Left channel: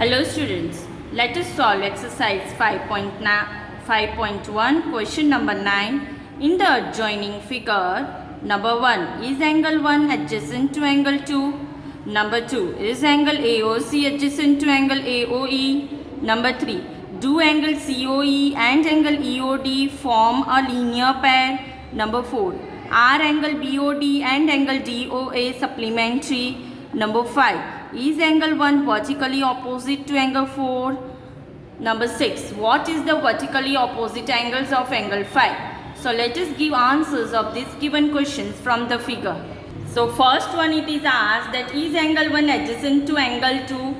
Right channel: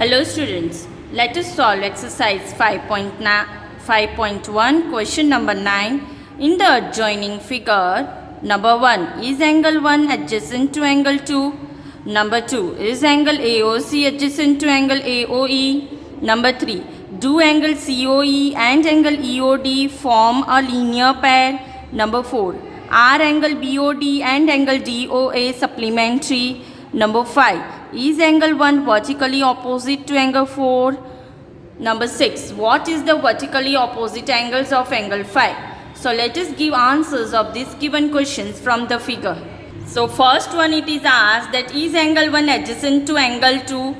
Hello students, let us solve exercise 5.1 question number 9 in the adjoining figure. Number 1, is angle 1 adjacent to angle 2? Number 2, is angle AOC adjacent to angle AOE? Number 3, do angle COE and angle EOD form a linear pair? Number 4, are angle BOD and angle DOA supplementary? Number 5, is angle 1 vertically opposite to angle 4? Number 6, what is the vertically opposite angles of angle 5? So let us give answers of these given questions from the figure. So first one, it is asked that is angle 1 adjacent to angle 2?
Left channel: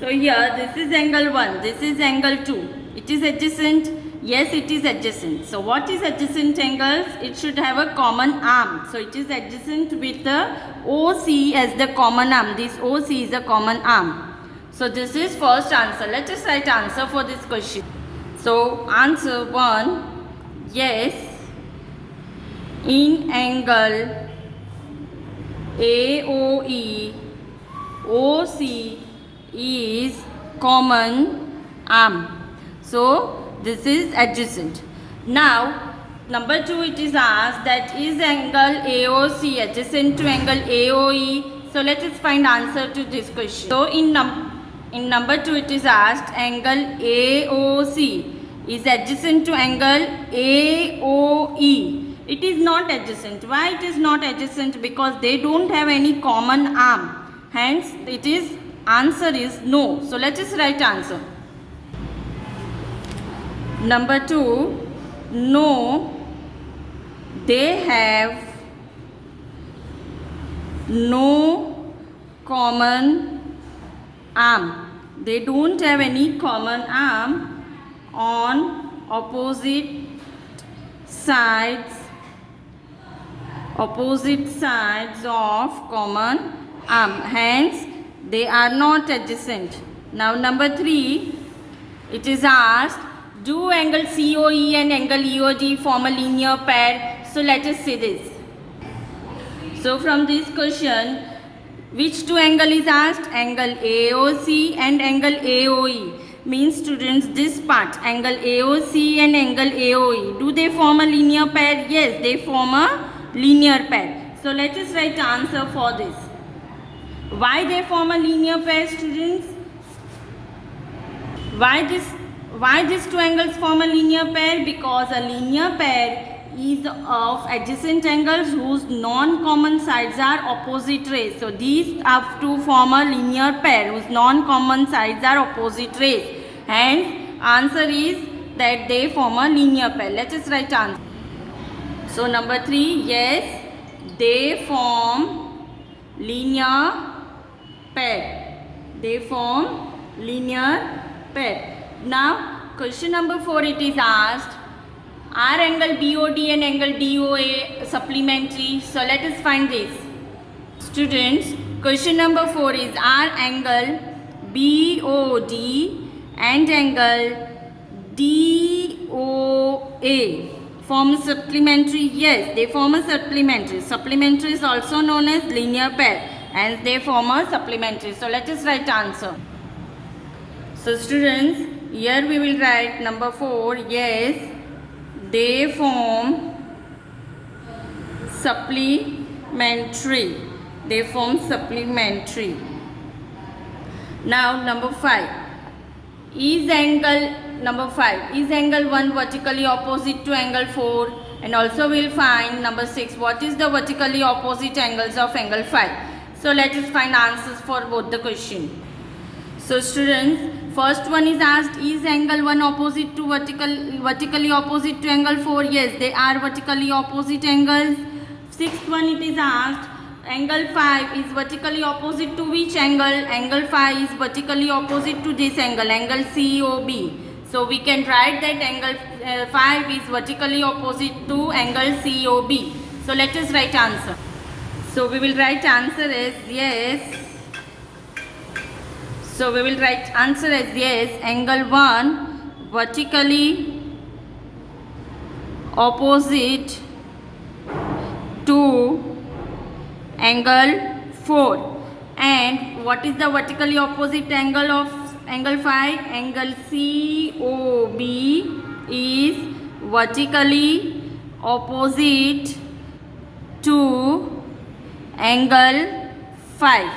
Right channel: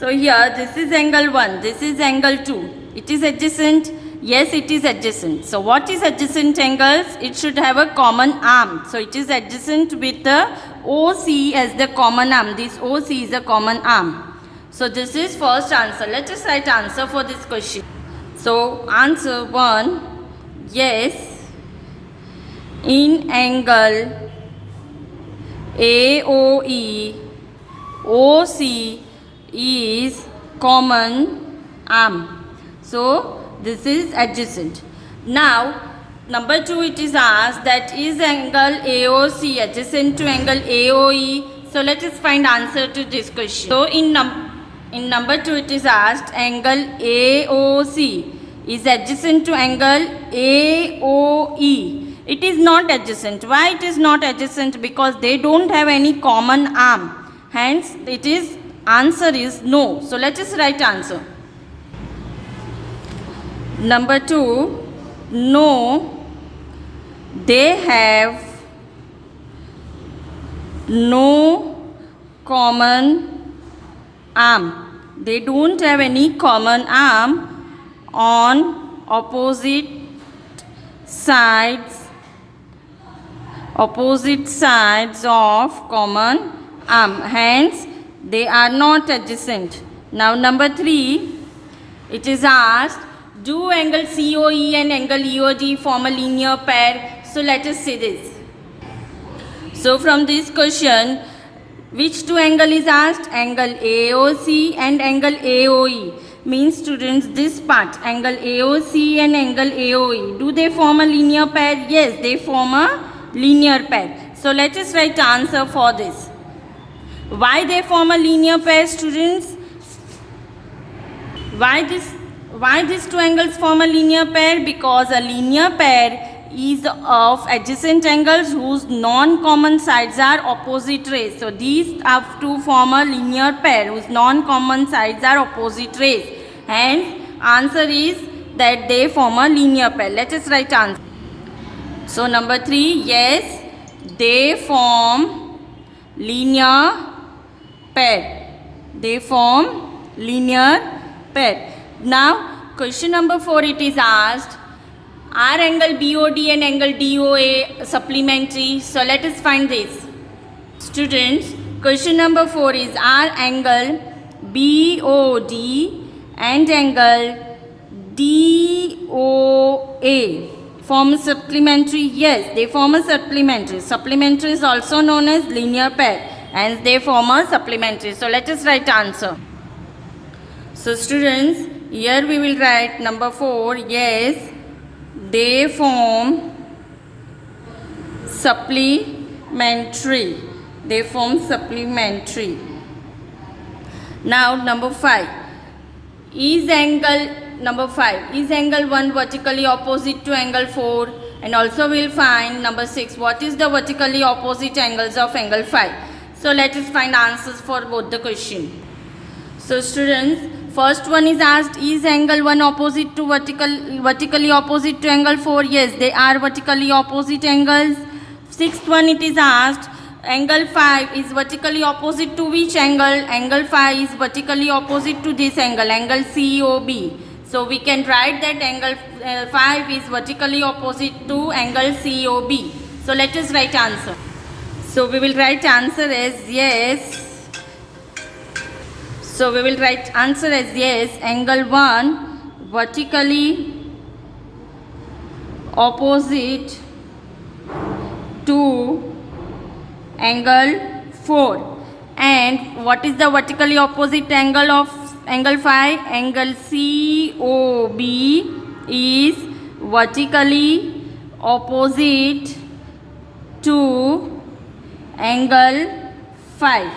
So here this is angle 1, this is angle 2. It is adjacent? Yes, it is adjacent. So what is adjacent angles? It should have a common arm. So it is adjacent with the OC as the common arm. This OC is a common arm. So this is first answer. Let us write answer for this question. So answer 1, yes, in angle AOE, OC is common arm. So this is adjacent. Now number 2, it is asked that is angle AOC adjacent to angle AOE. So let us find answer to this question. So in number 2, it is asked angle AOC is adjacent to angle AOE. It is not adjacent. Why it is not adjacent? Because they don't have any common arm. Hence it is answer is no. So let us write answer. Number 2, no, they have no common arm. They don't have any common arm on opposite sides of common arm. Hence, they are not adjacent. Now, number 3, it is asked, do angle COE and angle EOD form a linear pair? So let us see this. So from this question, which two angle is asked? Angle AOC and angle AOE. Means students, this part, angle AOC and angle AOE, do they form a linear pair? Yes, they form a linear pair. So let us write answer for this. Why they form a linear pair, students? Why these two angles form a linear pair? Because a linear pair is of adjacent angles whose non-common sides are opposite rays. So these have to form a linear pair whose non-common sides are opposite rays. Hence answer is that they form a linear pair. Let us write answer. So number 3, yes, they form linear pair. They form linear pair. Now question number 4, it is asked, are angle BOD and angle DOA supplementary? So let us find this. Students, question number 4 is, are angle BOD and angle DOA form supplementary? Yes, they form a supplementary. Supplementary is also known as linear pair, and they form a supplementary. So let us write answer. So students, here we will write number 4, yes, they form supplementary. They form supplementary. Now number 5, is angle 1 vertically opposite to angle 4? And also we will find number 6, what is the vertically opposite angles of angle 5? So let us find answers for both the question. So students, first one is asked, is angle 1 opposite to vertically opposite to angle 4? Yes, they are vertically opposite angles. Sixth one, it is asked, angle 5 is vertically opposite to which angle? Angle 5 is vertically opposite to this angle, angle COB. So we can write that angle 5 is vertically opposite to angle COB. So let us write answer. So we will write answer as yes. So we will write answer as yes, angle 1 vertically opposite to angle 4. And what is the vertically opposite angle of angle phi, angle COB is vertically opposite to angle phi.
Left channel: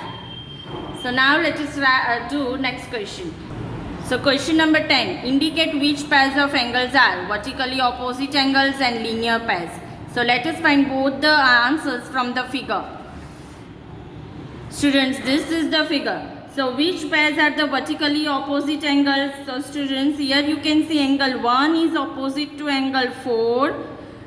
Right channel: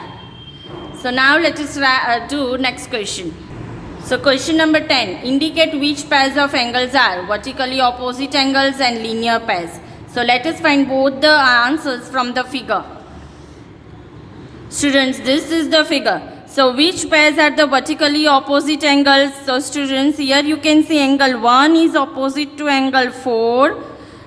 So now let us do next question. So question number 10. Indicate which pairs of angles are vertically opposite angles and linear pairs. So let us find both the answers from the figure. Students, this is the figure. So which pairs are the vertically opposite angles? So students, here you can see angle 1 is opposite to angle 4.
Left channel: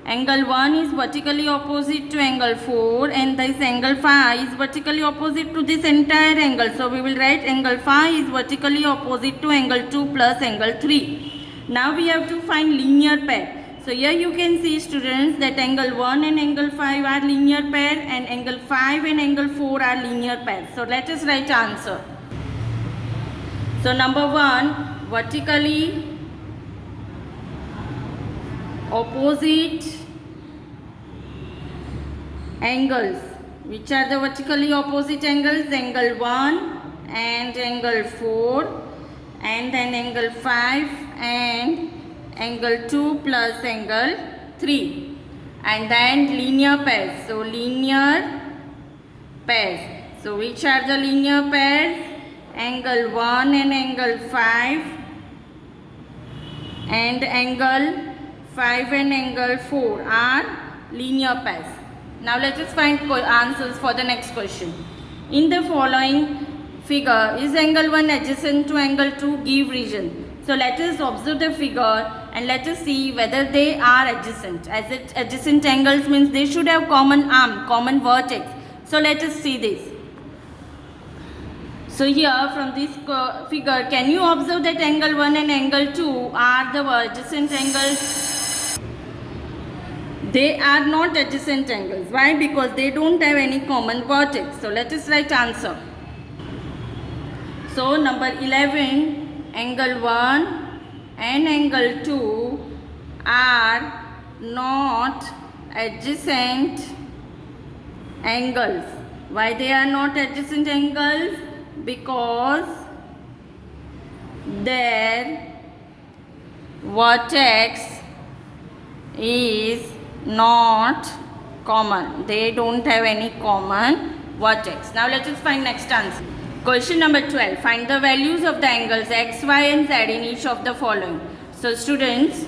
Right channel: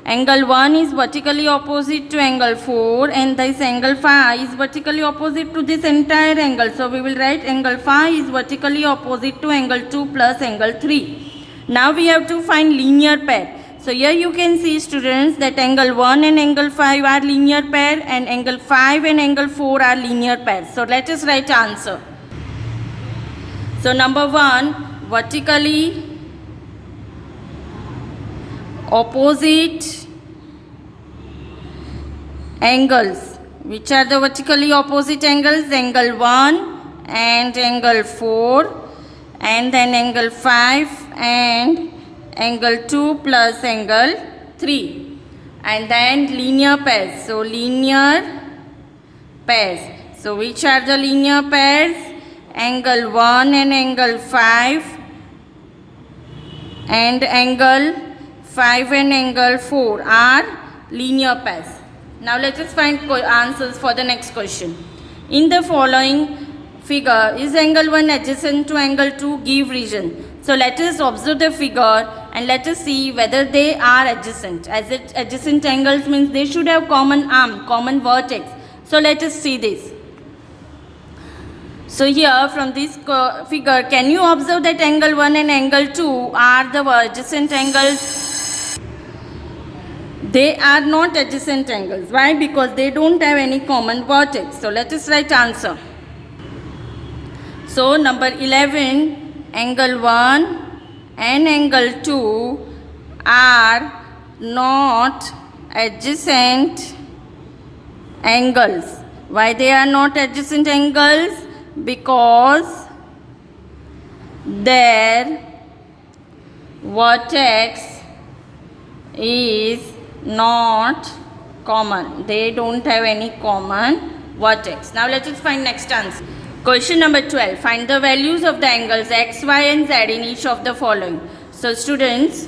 Angle 1 is vertically opposite to angle 4 and this angle phi is vertically opposite to this entire angle. So we will write angle phi is vertically opposite to angle 2 plus angle 3. Now we have to find linear pair. So here you can see students that angle 1 and angle 5 are linear pair and angle 5 and angle 4 are linear pair. So let us write answer. So number 1, vertically opposite angles. Which are the vertically opposite angles? Angle 1 and angle 4 and then angle 5 and angle 2 plus angle 3 and then linear pairs. So linear pairs. So which are the linear pairs? Angle 1 and angle 5 and angle 5 and angle 4 are linear pairs. Now let us find answers for the next question. In the following figure, is angle 1 adjacent to angle 2? Give reason. So let us observe the figure and let us see whether they are adjacent. As adjacent angles means they should have common arm, common vertex. So let us see this. So here from this figure, can you observe that angle 1 and angle 2 are the adjacent angles? They are not adjacent angles. Why? Because they don't have any common vertex. So let us write answer. So number 11, angle 1 and angle 2 are not adjacent angles. Why they are not adjacent angles? Because their vertex is not common. They don't have any common vertex. Now let us find next answer. Question number 12. Find the values of the angles x, y and z in each of the following. So students,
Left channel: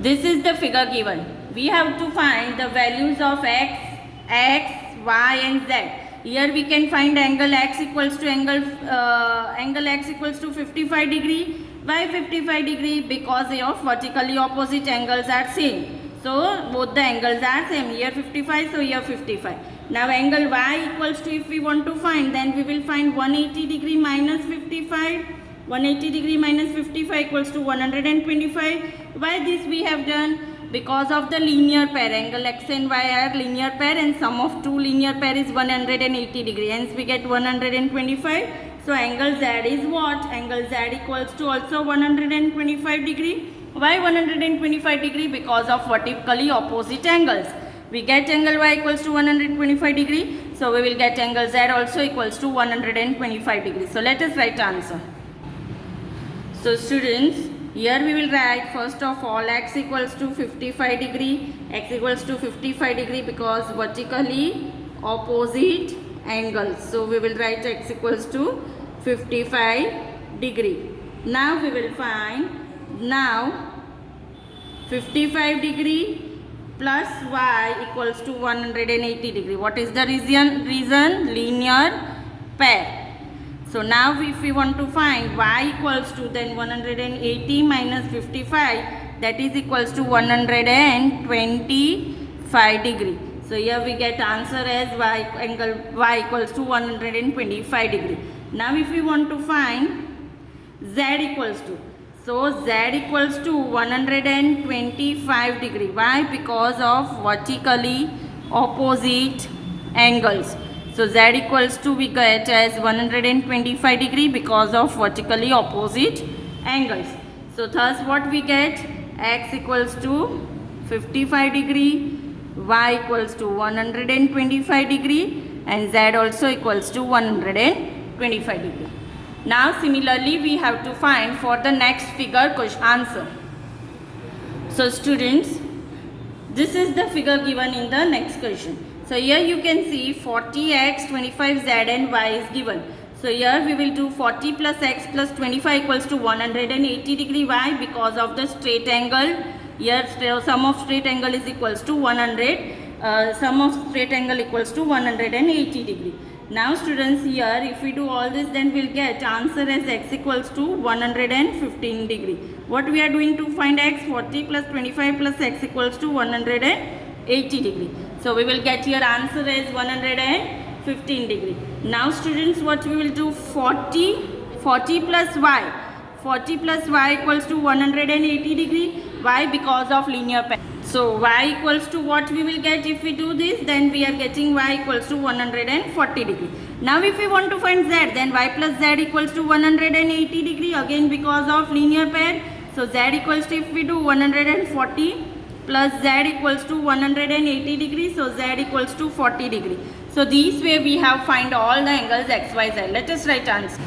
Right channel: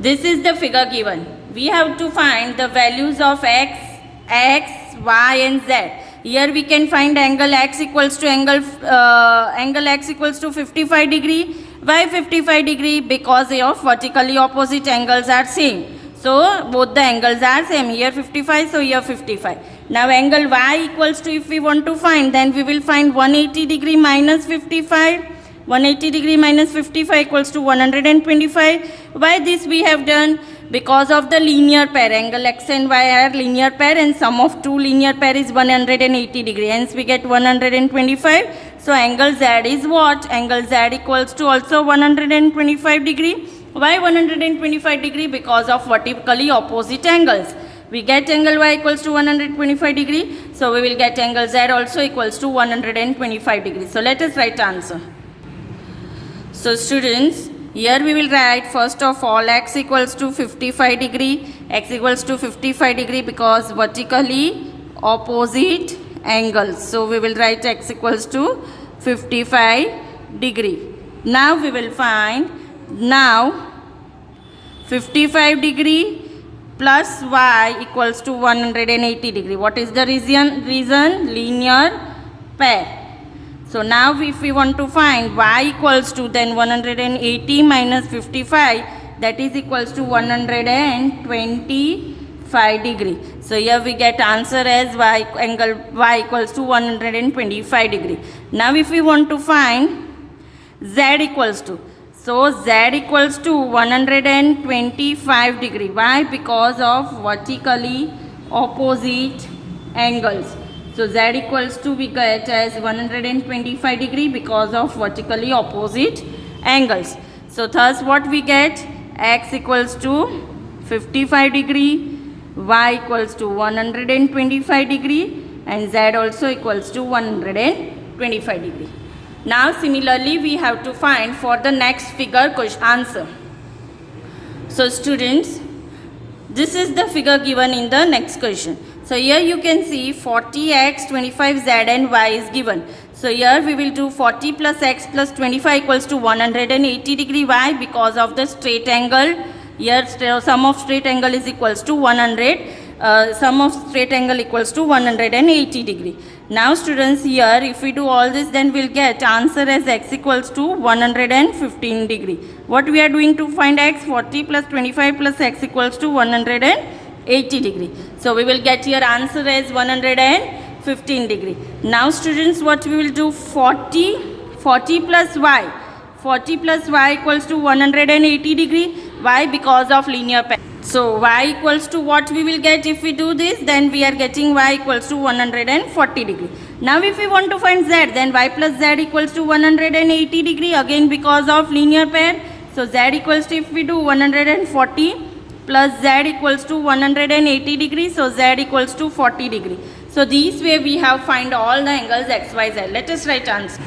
this is the figure given. We have to find the values of x, y and z. Here we can find angle x equals to angle x equals to 55 degree. Why 55 degree? Because of vertically opposite angles are same. So both the angles are same. Here 55, so here 55. Now angle y equals to, if we want to find, then we will find 180 degree minus 55. 180 degree minus 55 equals to 125. Why this we have done? Because of the linear pair. Angle x and y are linear pair and sum of two linear pair is 180 degree. Hence we get 125. So angle z is what? Angle z equals to also 125 degree. Why 125 degree? Because of vertically opposite angles. We get angle y equals to 125 degree. So we will get angle z also equals to 125 degree. So let us write answer. So students, here we will write first of all x equals to 55 degree. X equals to 55 degree because vertically opposite angles. So we will write x equals to 55 degree. Now we will find 55 degree plus y equals to 180 degree. What is the reason? Linear pair. So now if we want to find y equals to, then 180 minus 55, that is equals to 125 degree. So here we get answer as angle y equals to 125 degree. Now if we want to find z equals to, so z equals to 125 degree. Why? Because of vertically opposite angles. So z equals to we get as 125 degree because of vertically opposite angles. So thus what we get? X equals to 55 degree, y equals to 125 degree and z also equals to 125 degree. Now similarly we have to find for the next figure answer. So students, this is the figure given in the next question. So here you can see 40x, 25z and y is given. So here we will do 40 plus x plus 25 equals to 180 degree. Why? Because of the straight angle. Here sum of straight angle is equals to 100. Sum of straight angle equals to 180 degree. Now students, here if we do all this, then we'll get answer as x equals to 115 degree. What we are doing to find x? 40 plus 25 plus x equals to 180 degree. So we will get here answer as 115 degree. Now students, what we will do? 40 plus y. 40 plus y equals to 180 degree. Why? Because of linear pair. So y equals to what we will get if we do this? Then we are getting y equals to 140 degree. Now if we want to find z, then y plus z equals to 180 degree. Again because of linear pair. So z equals to, if we do 140 plus z equals to 180 degree. So z equals to 40 degree. So this way we have find all the angles x, y, z. Let us write answer.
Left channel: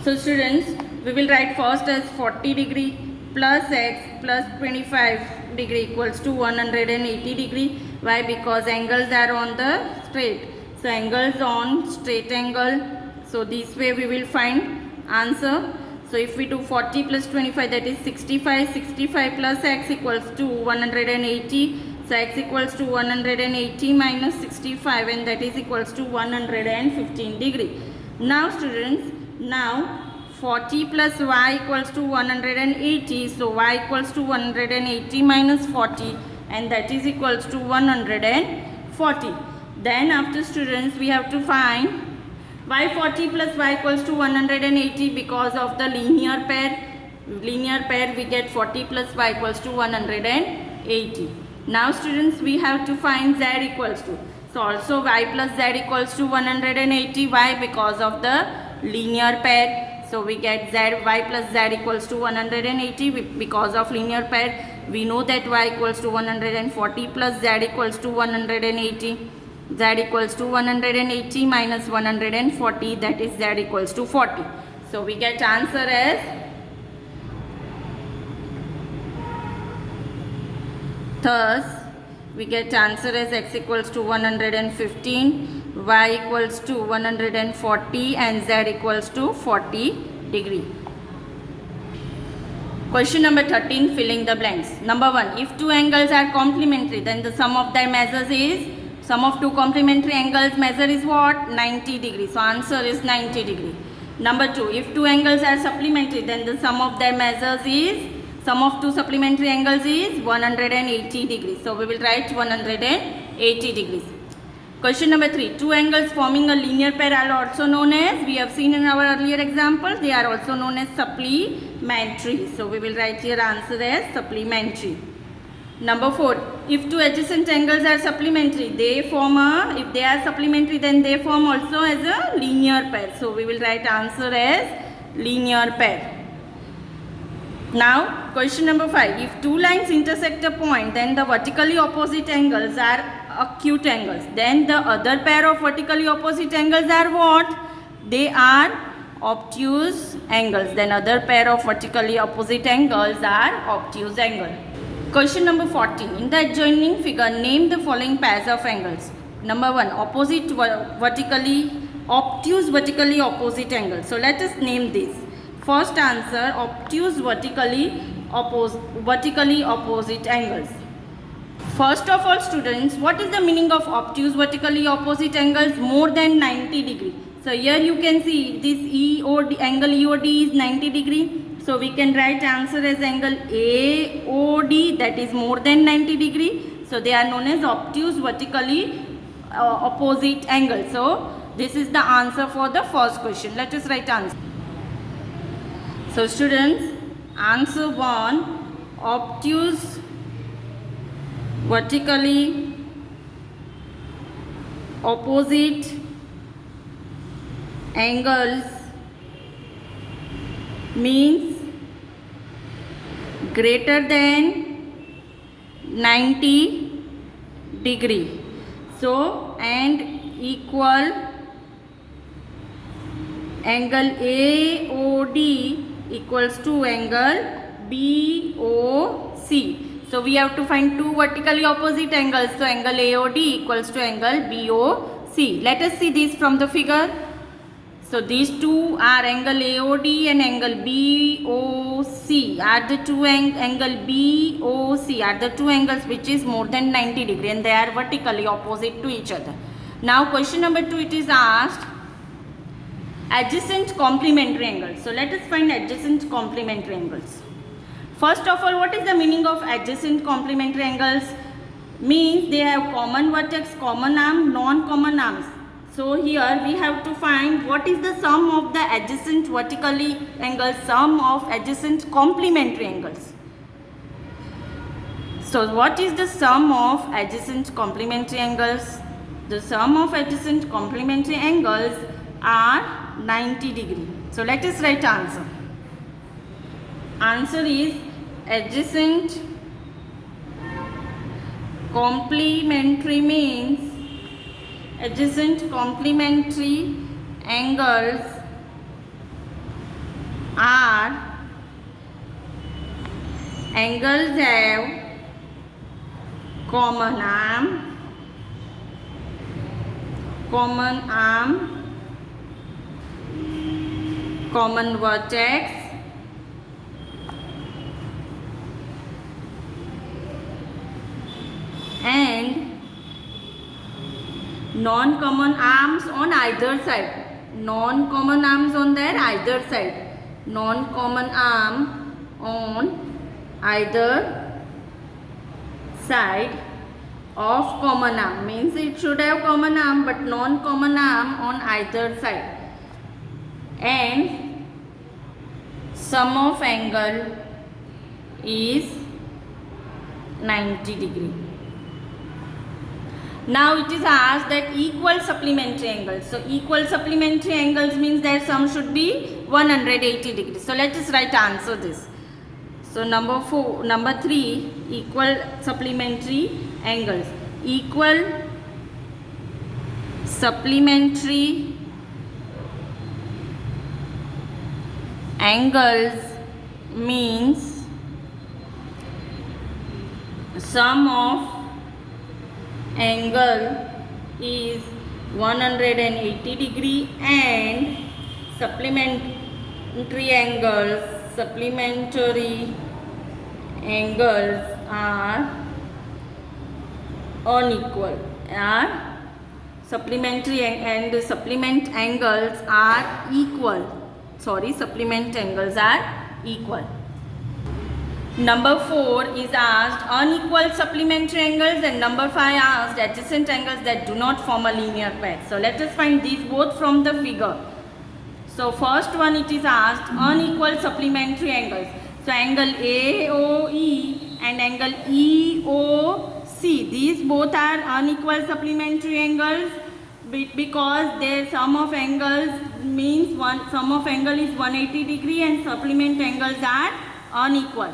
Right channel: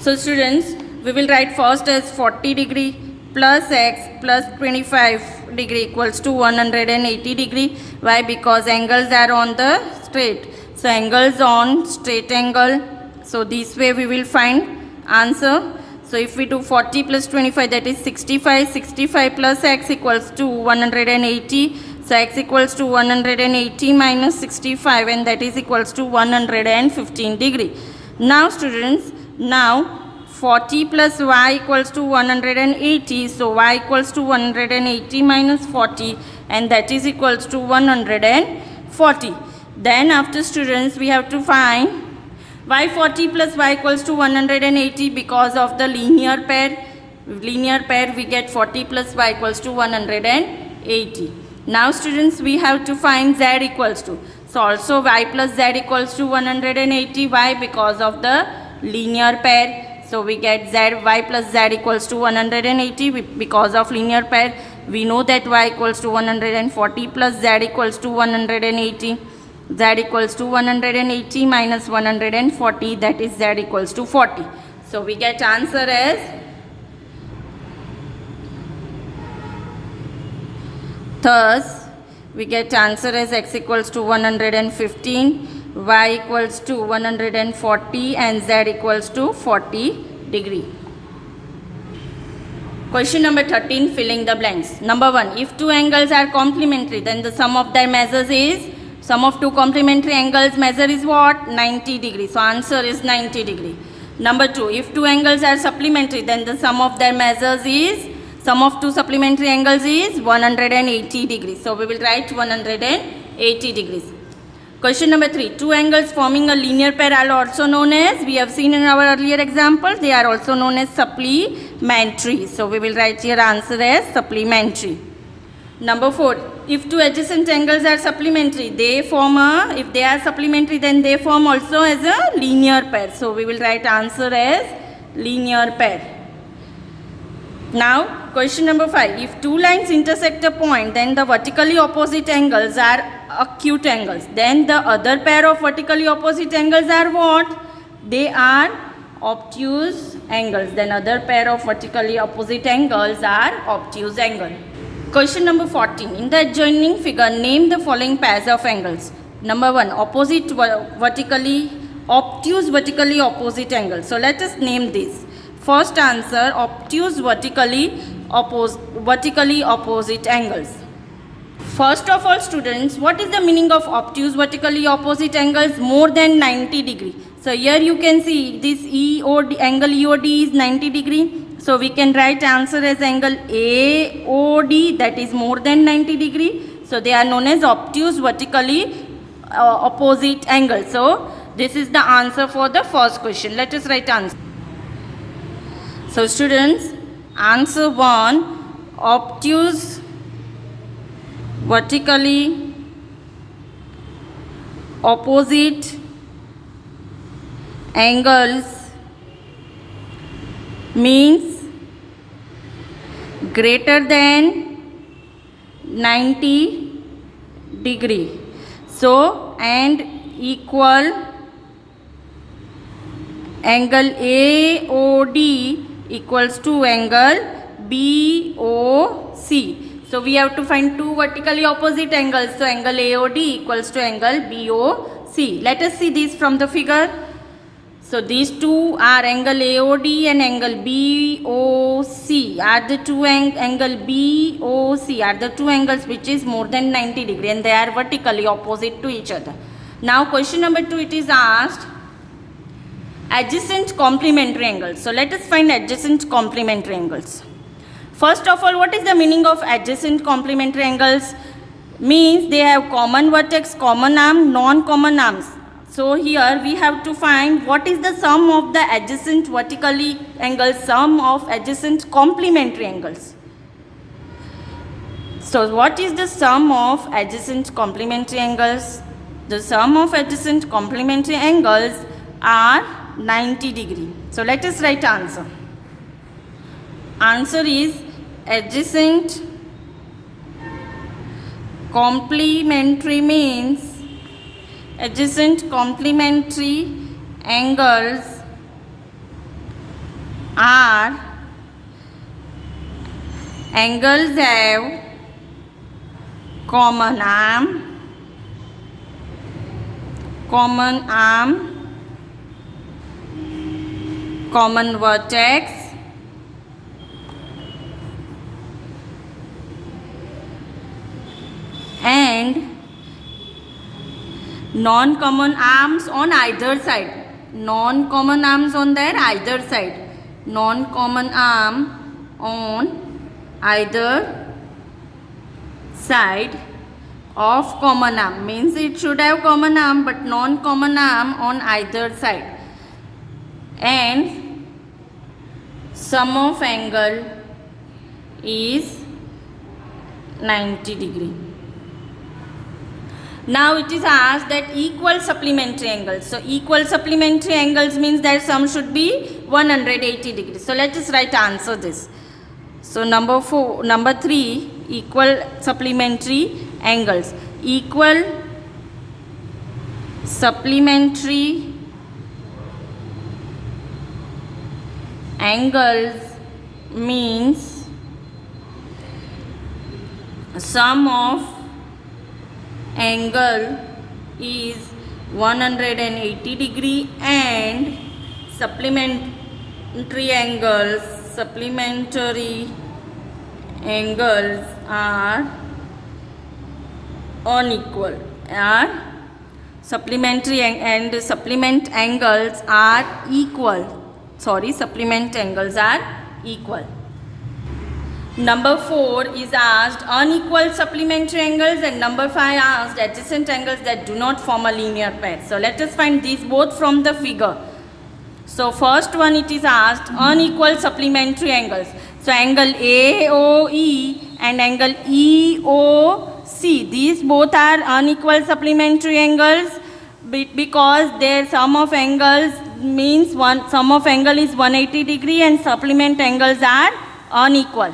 So students, we will write first as 40 degree plus x plus 25 degree equals to 180 degree. Why? Because angles are on the straight. So angles on straight angle. So this way we will find answer. So if we do 40 plus 25, that is 65. 65 plus x equals to 180. So x equals to 180 minus 65, and that is equals to 115 degree. Now students, now 40 plus y equals to 180. So y equals to 180 minus 40, and that is equals to 140. Then after students, we have to find y 40 plus y equals to 180 because of the linear pair. Linear pair, we get 40 plus y equals to 180. Now students, we have to find z equals to. So also y plus z equals to 180. Why? Because of the linear pair. So we get y plus z equals to 180 because of linear pair. We know that y equals to 140 plus z equals to 180. Z equals to 180 minus 140, that is z equals to 40. So we get answer as thus we get answer as x equals to 115, y equals to 140 and z equals to 40 degree. Question number 13, filling the blanks. Number 1, if two angles are complementary, then the sum of their measures is, sum of two complementary angles measure is what? 90 degree. So answer is 90 degree. Number 2, if two angles are supplementary, then the sum of their measures is, sum of two supplementary angles is 180 degrees. So we will write 180 degrees. Question number 3, two angles forming a linear pair are also known as, we have seen in our earlier example, they are also known as supplementary. So we will write here answer as supplementary. Number 4, if two adjacent angles are supplementary, they form a, if they are supplementary, then they form also as a linear pair. So we will write answer as linear pair. Now question number 5, if two lines intersect a point, then the vertically opposite angles are acute angles. Then the other pair of vertically opposite angles are what? They are obtuse angles. Then other pair of vertically opposite angles are obtuse angle. Question number 14, in the adjoining figure, name the following pairs of angles. Number 1, opposite vertically, obtuse vertically opposite angles. So let us name this. First answer, obtuse vertically opposite angles. First of all students, what is the meaning of obtuse vertically opposite angles? More than 90 degree. So here you can see this angle EOD is 90 degree. So we can write answer as angle AOD, that is more than 90 degree. So they are known as obtuse vertically opposite angles. So this is the answer for the first question. Let us write answer. So students, answer 1, obtuse vertically opposite angles means greater than 90 degree. So and equal angle AOD equals to angle BOC. So we have to find two vertically opposite angles. So angle AOD equals to angle BOC. Let us see this from the figure. So these two are angle AOD and angle BOC are the two angle BOC are the two angles which is more than 90 degree and they are vertically opposite to each other. Now question number 2, it is asked adjacent complementary angles. So let us find adjacent complementary angles. First of all, what is the meaning of adjacent complementary angles? Means they have common vertex, common arm, non-common arms. So here we have to find what is the sum of the adjacent vertically angles, sum of adjacent complementary angles. So what is the sum of adjacent complementary angles? The sum of adjacent complementary angles are 90 degree. So let us write answer. Answer is adjacent complementary means adjacent complementary angles are angles have common arm, common vertex, and non-common arms on either side. Non-common arms on their either side. Non-common arm on either side of common arm. Means it should have common arm but non-common arm on either side. And sum of angle is 90 degree. Now it is asked that equal supplementary angles. So equal supplementary angles means that sum should be 180 degrees. So let us write answer this. So number 3, equal supplementary angles. Equal supplementary angles means sum of angle is 180 degree and supplementary angles are unequal. Supplement angles are equal. Number 4 is asked unequal supplementary angles and number 5 asked adjacent angles that do not form a linear pair. So let us find these both from the figure. So first one, it is asked unequal supplementary angles. So angle AOE and angle EOC, these both are unequal supplementary angles because their sum of angles means sum of angle is 180 degree and supplement angles are unequal.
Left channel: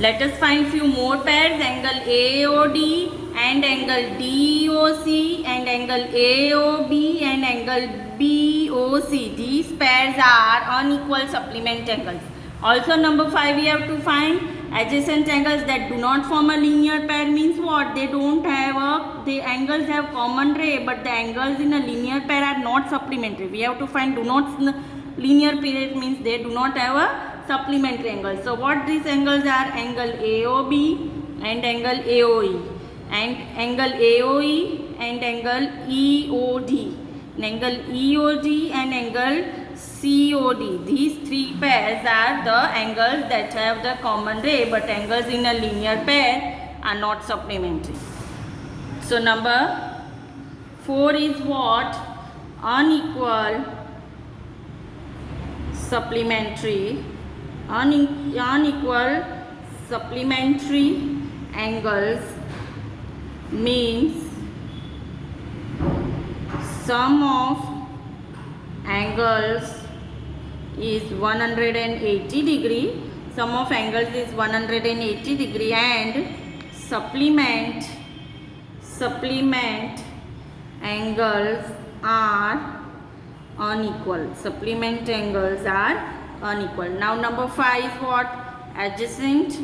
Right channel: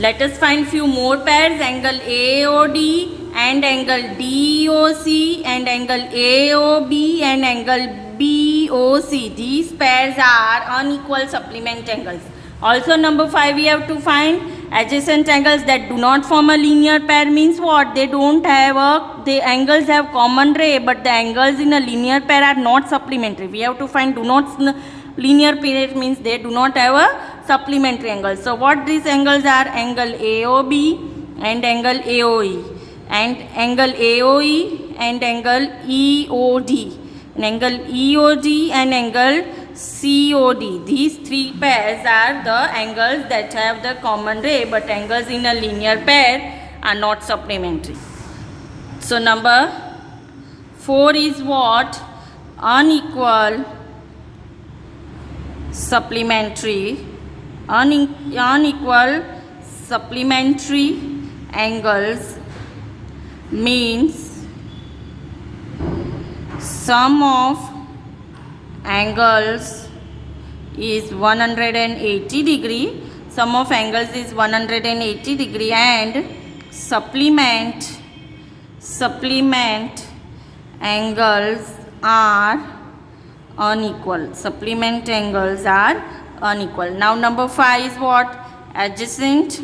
Let us find few more pairs, angle AOD and angle DOC and angle AOB and angle BOC. These pairs are unequal supplement angles. Also number 5 we have to find adjacent angles that do not form a linear pair means what? They don't have the angles have common ray but the angles in a linear pair are not supplementary. We have to find do not linear pair means they do not have a supplementary angles. So what these angles are? Angle AOB and angle AOE and angle AOE and angle EOD and angle EOD and angle COD. These three pairs are the angles that have the common ray but angles in a linear pair are not supplementary. So number 4 is what? Unequal supplementary angles means sum of angles is 180 degree. Sum of angles is 180 degree and supplement angles are unequal. Supplement angles are unequal. Now number 5 is what? Adjacent.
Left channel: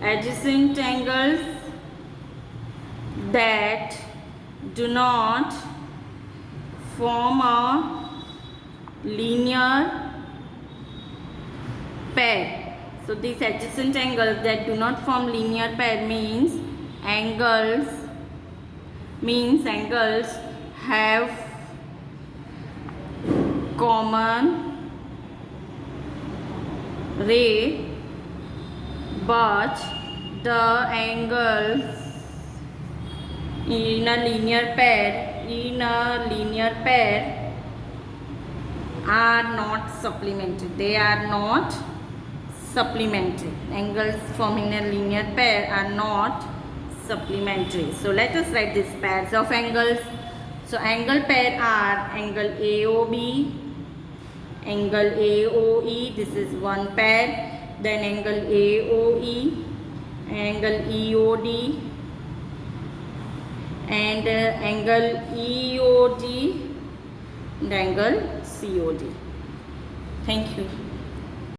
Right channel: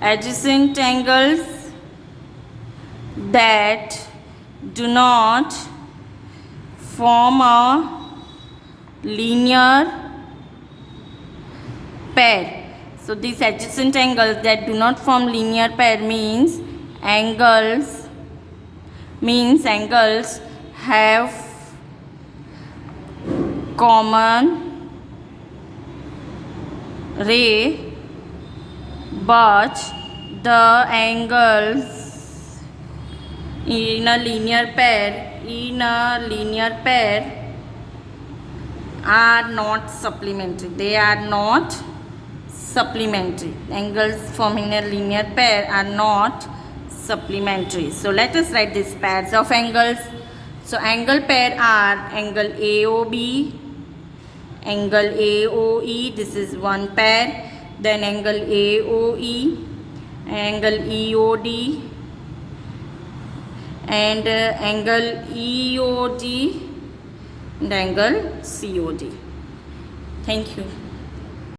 Adjacent angles that do not form a linear pair. So these adjacent angles that do not form linear pair means angles have common ray, but the angles in a linear pair are not supplementary. They are not supplementary. Angles forming a linear pair are not supplementary. So let us write these pairs of angles. So angle pair are angle AOB, angle AOE, this is one pair, then angle AOE, angle EOD, and angle EOD and angle COD. Thank you.